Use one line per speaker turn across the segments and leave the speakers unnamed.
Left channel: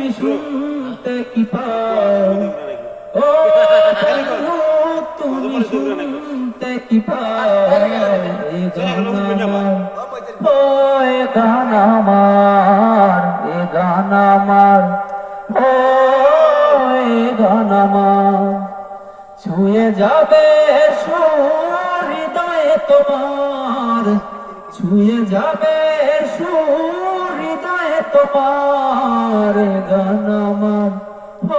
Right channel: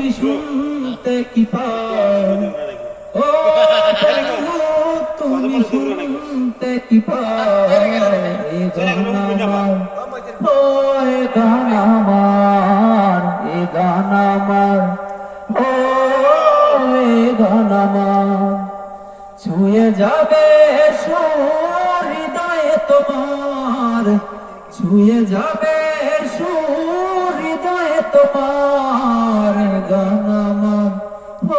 তুমি শুনতে কি পাও ও, তুমি শুনতে কি পাও এ গান আমার, এ গান আমার ও, এ গান আমার। ছুঁয়ে যাবে হৃদয়ে তোমার, ছুঁয়ে যাবে সুর তোমার।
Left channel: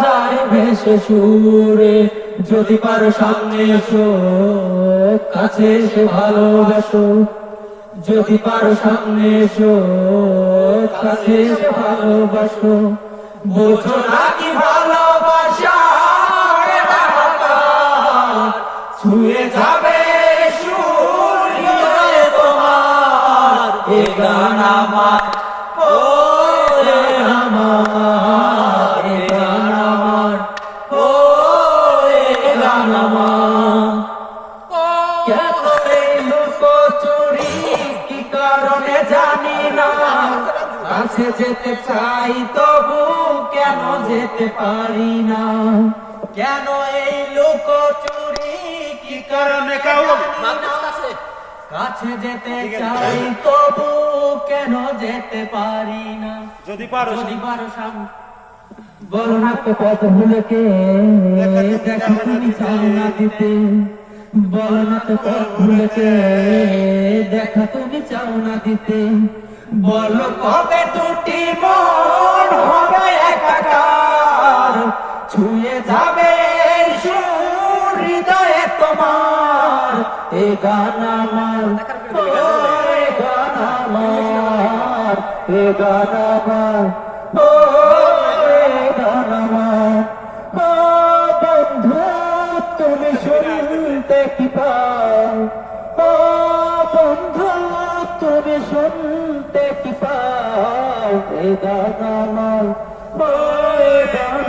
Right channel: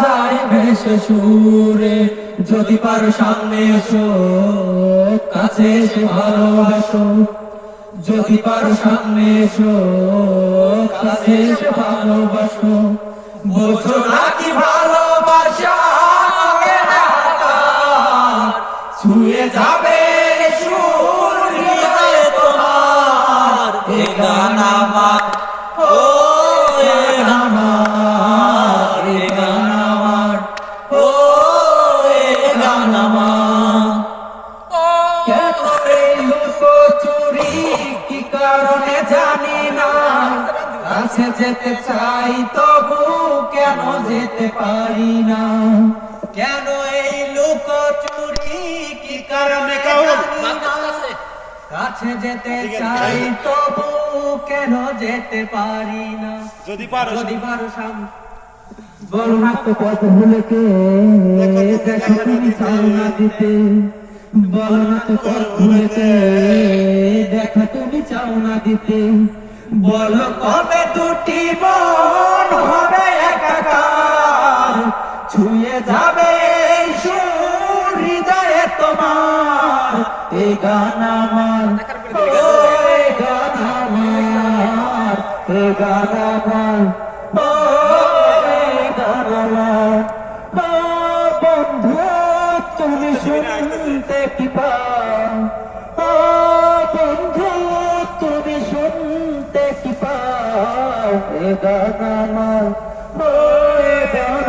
যায় ভেসে সুরে। যদি পারো সামনে এসো, কাছে এসে ভালোবাসো। যদি পারো সামনে এসো, কাছে এসে ভালোবাসো। বোঝো না কি ভালোবাসা ছুঁয়ে যাবে তোমার। এ গান আমার ও আমার। কেন এই লুকোচুরি কি কারণে জানি না। কাছে যেতে চাই তবু কেন যেতে পারি না? কেন এই লুকোচুরি কি কারণে কাছে যেতে চাই তবু কেন যেতে পারি না?
যদি পারো
যদি পারো সাম বলো না তো পথ ভুলেকে দেখো তুমি না দিতে। বলো না তো পথ ভুলেকে দেখো তুমি চাও না দিতে। বলো কবে দুটি মন হবে একাকার? ছুঁয়ে যাবে হৃদয়ে তোমার। এ গান আমার ও এ গান আমার, এ গান আমার। পাও এ গান আমার ও এ গান